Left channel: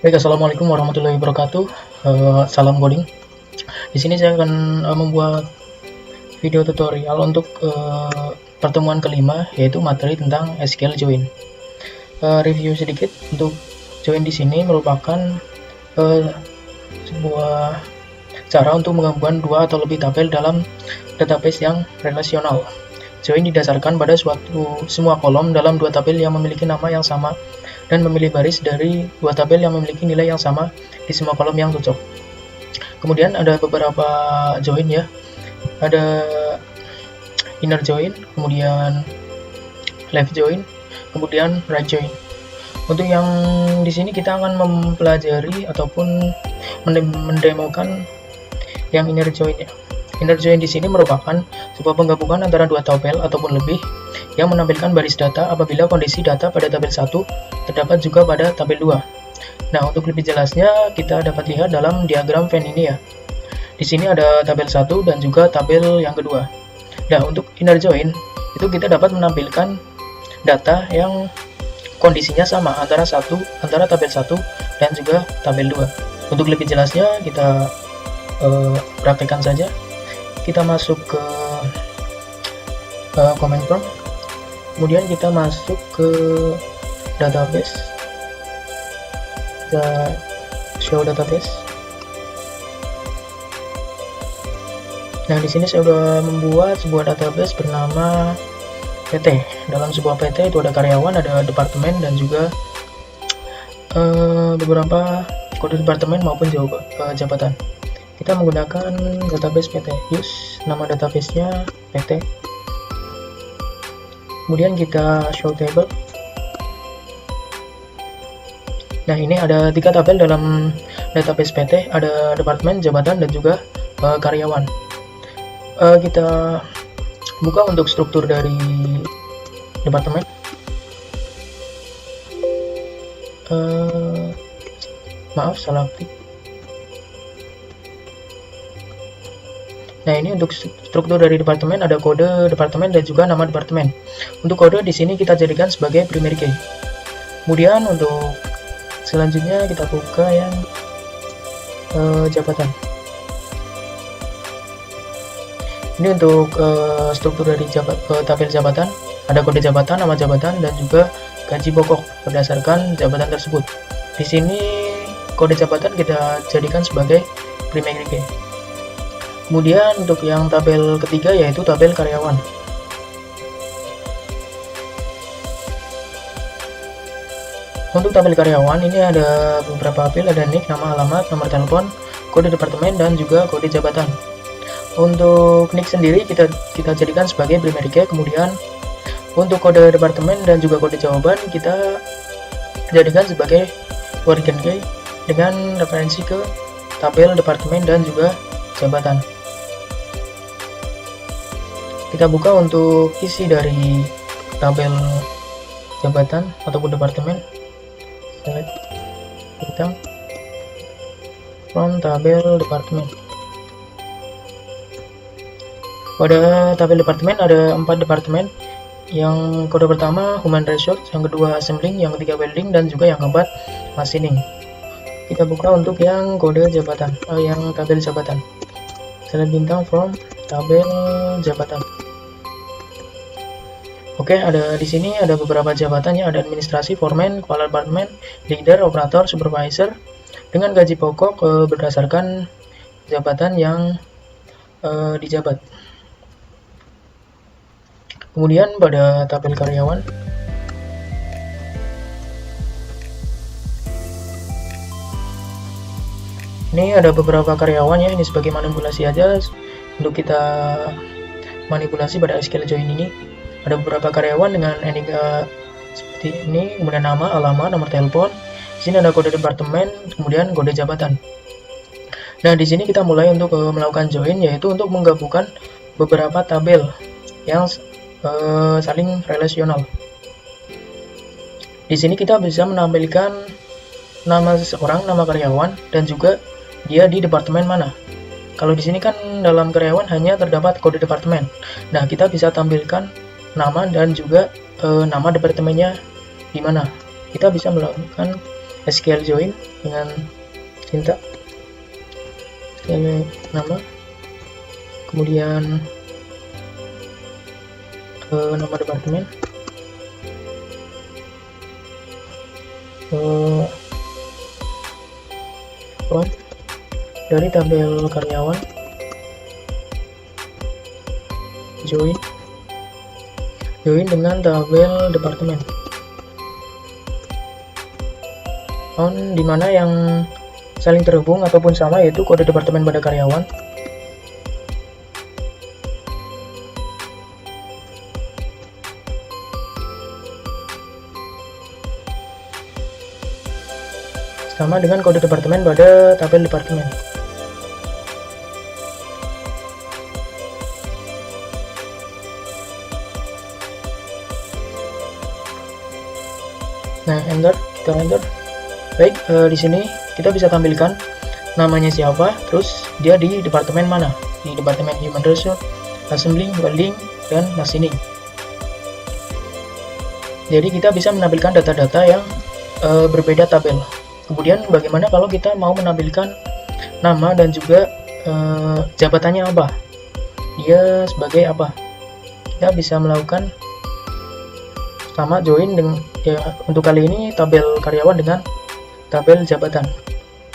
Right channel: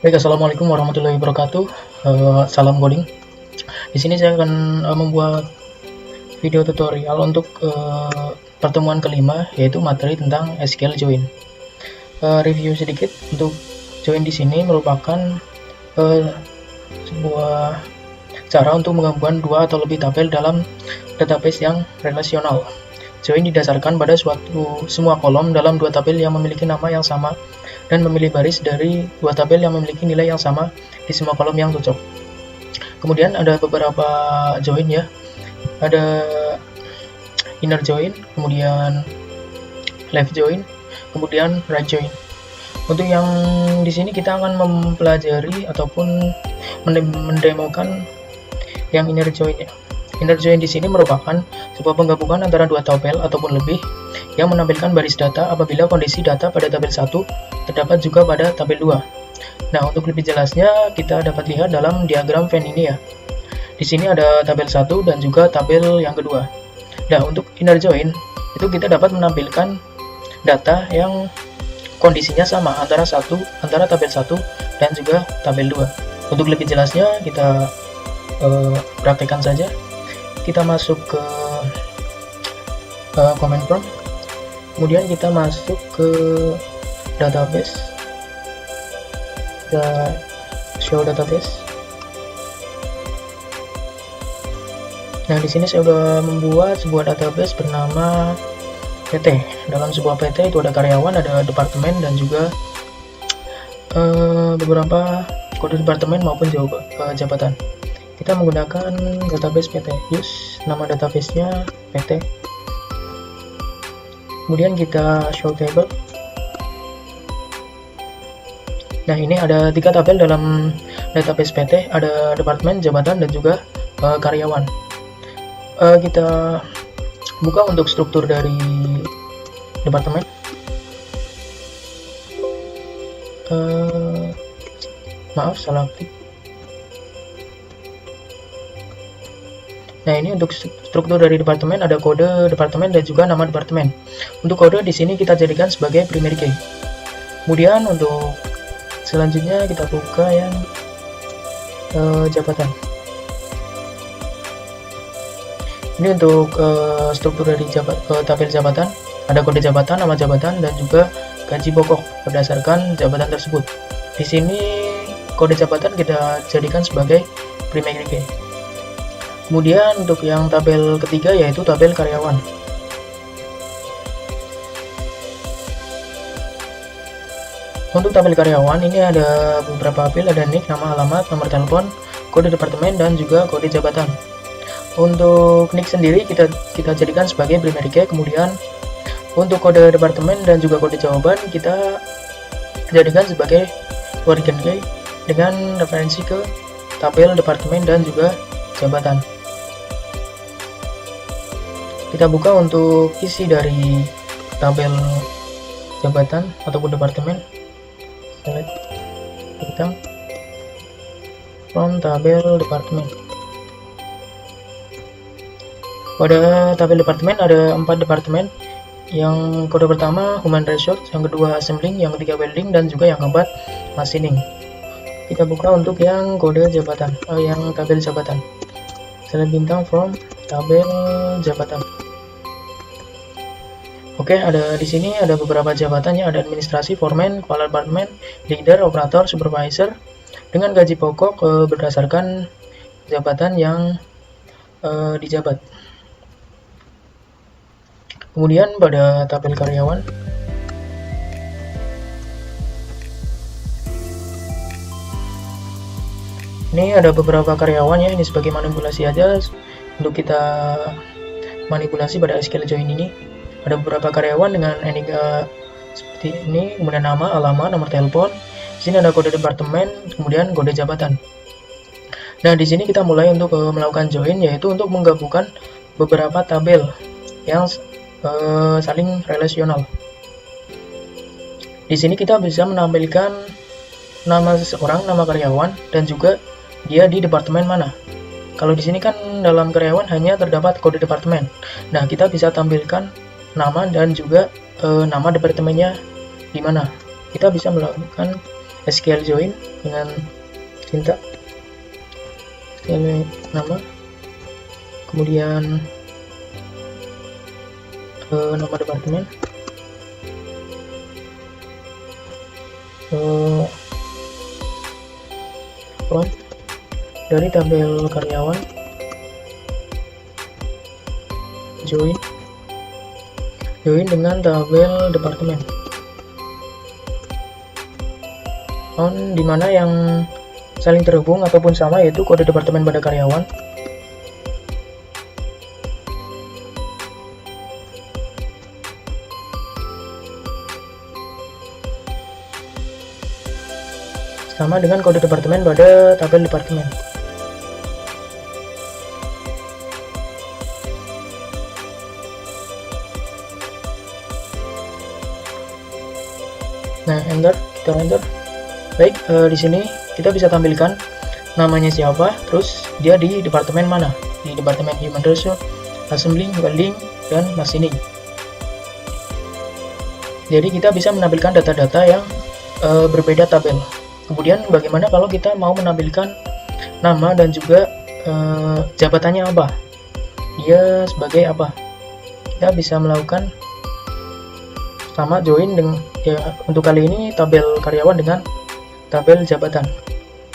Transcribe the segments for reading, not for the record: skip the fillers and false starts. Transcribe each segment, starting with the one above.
Baik, assalamualaikum warahmatullahi wabarakatuh. Salam coding. Di sini saya akan membuat video tutorial untuk pertemuan kelima, yaitu materi tentang SQL join. Review sedikit untuk join di sini merupakan sebuah cara untuk menggabungkan dua atau lebih tabel dalam database yang relasional. Join didasarkan pada semua kolom dalam dua tabel yang memiliki nama yang sama dan memilih baris dari dua tabel yang memiliki nilai yang sama di semua kolom yang cocok. Kemudian ada beberapa join ya. Ada inner join, kemudian left join, kemudian right join. Untuk yang di sini kita akan mempelajari ataupun mendemokan yang inner join ya. Inner join di sini merupakan sebuah penggabungan antara dua tabel ataupun lebih yang menampilkan baris data apabila kondisi data pada tabel 1 terdapat juga pada tabel 2. Nah, untuk lebih jelasnya kita dapat lihat dalam diagram Venn ini ya. Di sini ada tabel 1 dan juga tabel yang kedua. Nah, untuk inner join itu kita dapat menampilkan data yang kondisinya sama antara tabel 1 dan juga tabel 2. Untuk lebih jelasnya kita praktekkan saja. Kita masuk ke command prompt, kemudian kita masuk ke database, kita show database. Nah, di sini saya sudah membuat sebuah database bernama PT. Dalam sebuah PT itu ada karyawan, ada departemen, dan juga beberapa kode departemen maupun jabatan. Kita menggunakan database PT. Use nama databasenya PT. Kemudian kita show table. Nah, ini ada 3 tabel dalam database PT. Ada departemen, jabatan, dan juga karyawan. Kita buka untuk struktur dari departemen. Maaf, salah klik. Nah, ini untuk struktur dari departemen, ada kode departemen dan juga nama departemen. Untuk kode di sini kita jadikan sebagai primary key. Kemudian untuk selanjutnya kita buka yang jabatan. Ini untuk struktur dari tabel jabatan, ada kode jabatan, nama jabatan, dan juga gaji pokok berdasarkan jabatan tersebut. Di sini kode jabatan kita jadikan sebagai primary key. Kemudian untuk yang tabel ketiga yaitu tabel karyawan. Untuk tabel karyawan ini ada beberapa field, ada nick, nama, alamat, nomor telepon, kode departemen, dan juga kode jabatan. Untuk nick sendiri kita jadikan sebagai primary key. Kemudian untuk kode departemen dan juga kode jawaban kita jadikan sebagai origin key dengan referensi ke tabel departemen dan juga jabatan. Kita buka untuk isi dari tabel jabatan ataupun departemen. Select hitam from tabel departemen. Pada tabel departemen ada 4 departemen. Yang kode pertama human resource, yang kedua assembling, yang ketiga welding, dan juga yang keempat machining. Kita buka untuk yang kode jabatan, yang tabel jabatan. Select bintang from tabel jabatan. Oke, ada di sini ada beberapa jabatannya, ada administrasi, foreman, kepala departemen, leader, operator, supervisor, dengan gaji pokok berdasarkan jabatan yang dijabat. Kemudian pada tabel karyawan, ini ada beberapa karyawan ya, ini sebagai manipulasi aja untuk kita manipulasi pada SQL join ini. Ada beberapa karyawan dengan NIK seperti ini, kemudian nama, alamat, nomor telepon. Di sini ada kode departemen, kemudian kode jabatan. Nah, di sini kita mulai untuk melakukan join, yaitu untuk menggabungkan beberapa tabel yang saling relasional. Di sini kita bisa menampilkan nama seseorang, nama karyawan, dan juga dia di departemen mana. Kalau di sini kan dalam karyawan hanya terdapat kode departemen. Nah, kita bisa tampilkan nama dan juga nama departemennya di mana. Kita bisa melakukan SQL join dengan Cinta, ini nama, kemudian nama departemen, from dari tabel karyawan, join dengan tabel departemen, on dimana yang saling terhubung ataupun sama yaitu kode departemen pada karyawan, sama dengan kode departemen pada tabel departemen. Nah, enter, kita enter. Baik, di sini kita bisa tampilkan namanya siapa, terus dia di departemen mana, di departemen Human Resource, Assembly, Welding, dan Machining. Jadi kita bisa menampilkan data-data yang berbeda tabel. Kemudian bagaimana kalau kita mau menampilkan nama dan juga jabatannya apa, dia sebagai apa? Kita bisa melakukan sama join dengan untuk kali ini tabel karyawan dengan tabel jabatan.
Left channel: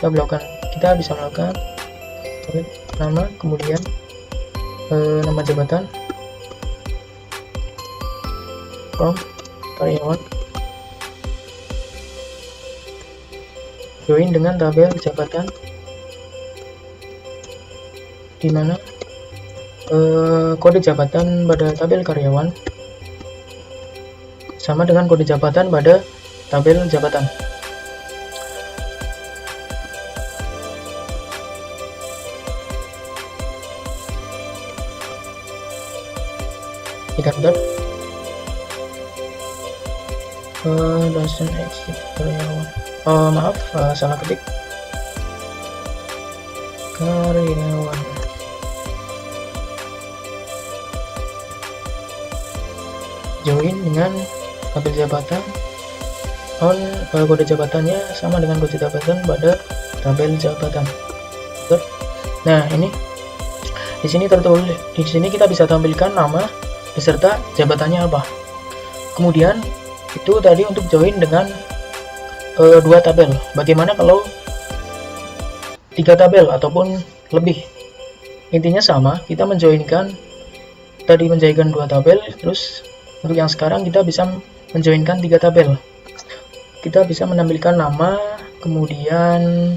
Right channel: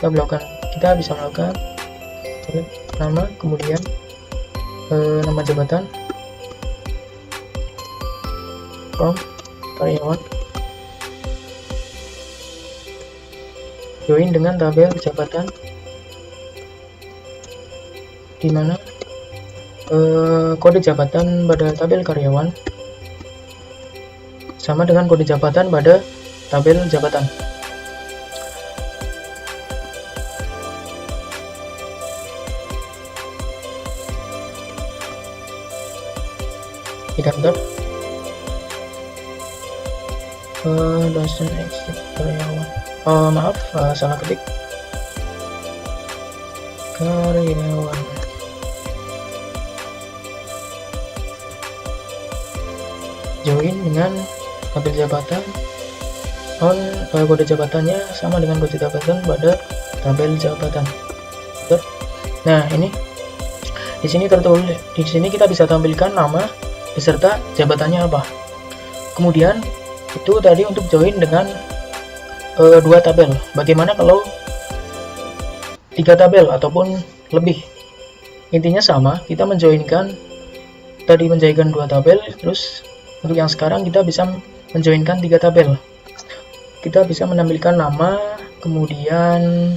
Kita bisa melakukan nama, kemudian nama jabatan, from karyawan, join dengan tabel jabatan, di mana kode jabatan pada tabel karyawan sama dengan kode jabatan pada tabel jabatan. Kita enter. Dua tabel. Bagaimana kalau 3 tabel ataupun lebih? Intinya sama, kita menjoinkan 2 tabel, terus untuk yang sekarang kita bisa menjoinkan 3 tabel. Kita bisa menampilkan nama, kemudian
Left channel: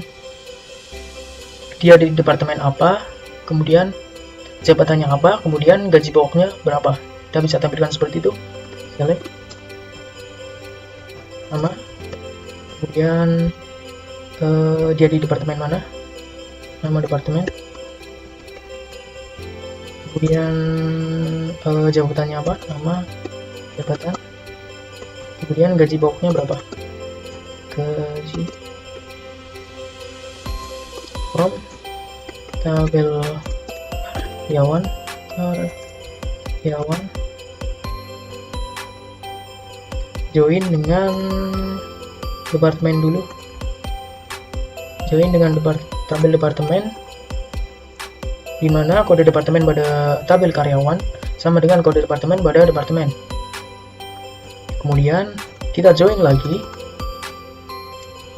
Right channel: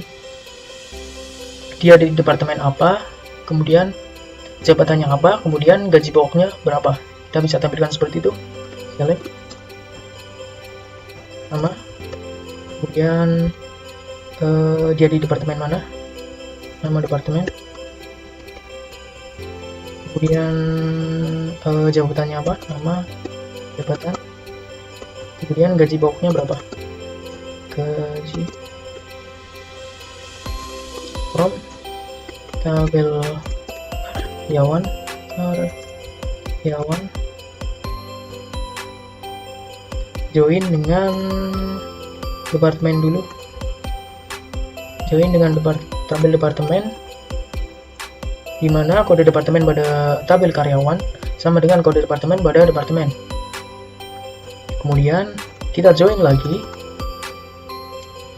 dia di departemen apa, kemudian jabatannya apa, kemudian gaji pokoknya berapa. Kita bisa tampilkan seperti itu. Select nama, kemudian dia di departemen mana, nama departemen, kemudian jabatannya apa, nama jabatan, kemudian gaji pokoknya berapa, gaji, from tabel karyawan, join dengan departemen dulu, join dengan tabel departemen, di mana kode departemen pada tabel karyawan sama dengan kode departemen pada departemen. Kemudian kita join lagi,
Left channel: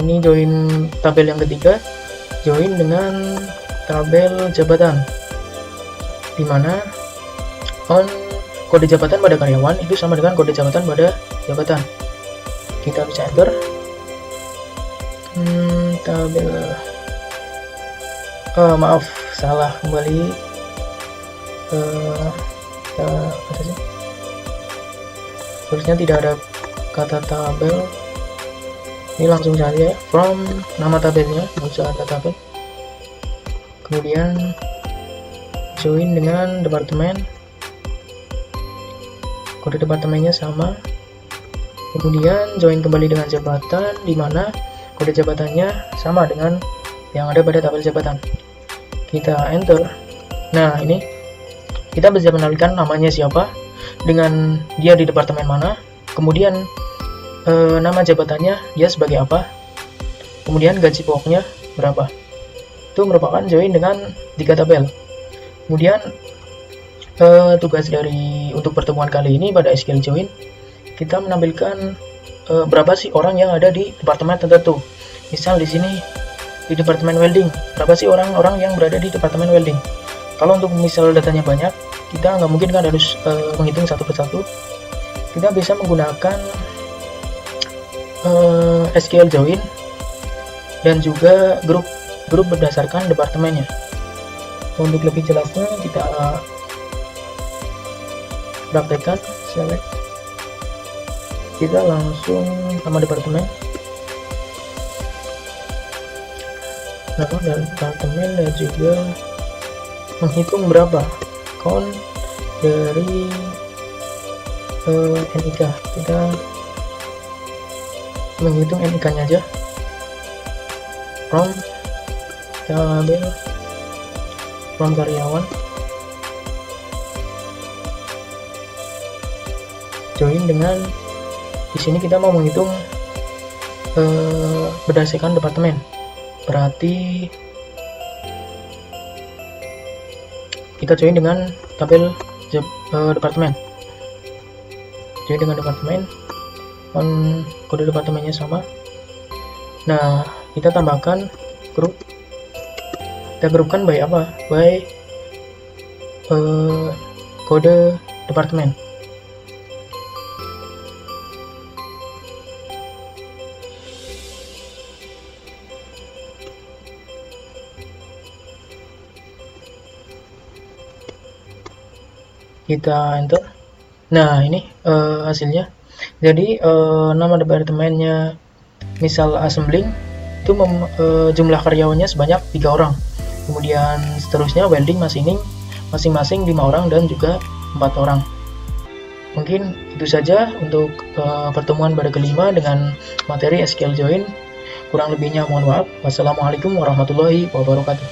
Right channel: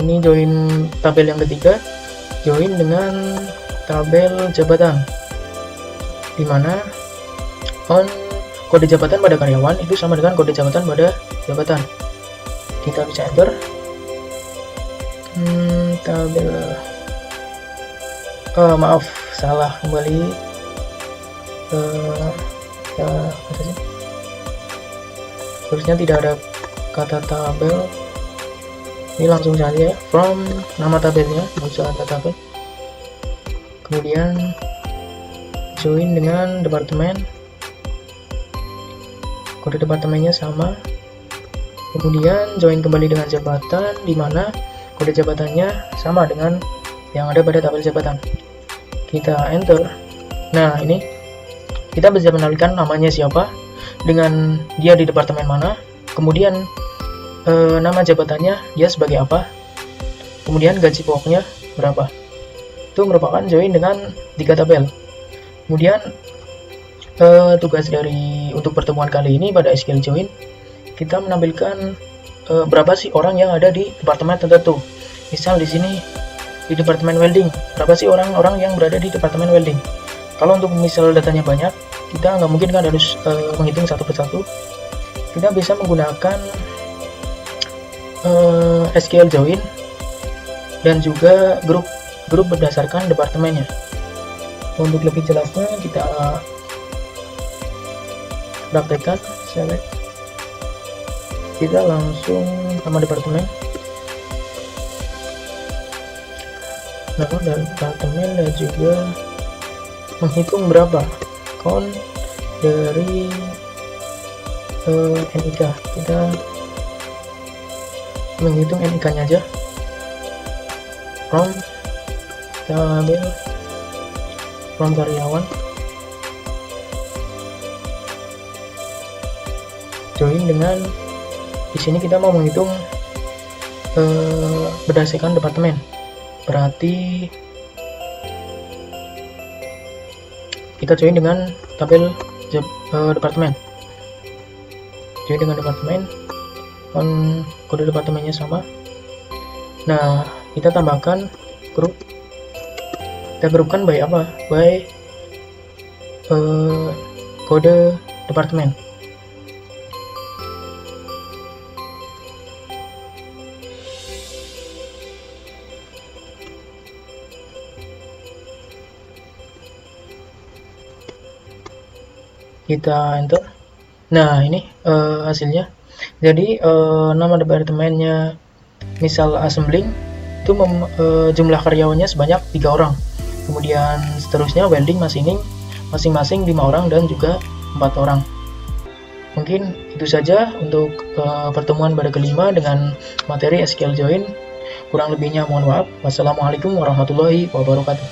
ini join tabel yang ketiga, join dengan tabel jabatan, di mana on kode jabatan pada karyawan itu sama dengan kode jabatan pada jabatan. Kita bisa enter. Tabel maaf, salah, kembali apa sih? Seharusnya tidak ada kata tabel, ini langsung saja from nama tabelnya, nggak usah ada tabel. Kemudian join dengan departemen, kode departemennya sama, kemudian join kembali dengan jabatan, di mana kode jabatannya sama dengan yang ada pada tabel jabatan. Kita enter. Nah, ini kita bisa menampilkan namanya siapa dengan dia di departemen mana, kemudian nama jabatannya dia sebagai apa, kemudian gaji pokoknya berapa. Itu merupakan join dengan 3 tabel. Kemudian tugas dari untuk pertemuan kali ini pada SQL Join, kita menampilkan berapa sih orang yang ada di departemen tertentu. Misal di sini di departemen welding, berapa sih orang-orang yang berada di departemen welding. Kalau untuk misal datanya banyak, kita nggak mungkin kan harus menghitung satu persatu. Kita bisa menggunakan SQL Join dan juga grup berdasarkan departemennya. Untuk lebih jelasnya kita praktekkan. Select, kita langsung nama departemen, dan juga menghitung berapa count dari NIK. Kita menghitung NIK nya aja. Tabel karyawan, join dengan di sini kita mau menghitung berdasarkan departemen. Berarti kita join dengan tabel departemen. Join dengan departemen, kode departemennya sama. Nah, kita tambahkan grup. Kita grupkan by apa? By kode departemen. Kita enter. Nah, ini hasilnya. Jadi nama departemennya misal assembly, itu jumlah karyawannya sebanyak 3 orang. Kemudian seterusnya welding masing-masing 5 orang dan juga 4 orang. Mungkin itu saja untuk pertemuan pada kelima dengan materi SQL Join. Kurang lebihnya mohon maaf. Wassalamualaikum warahmatullahi wabarakatuh.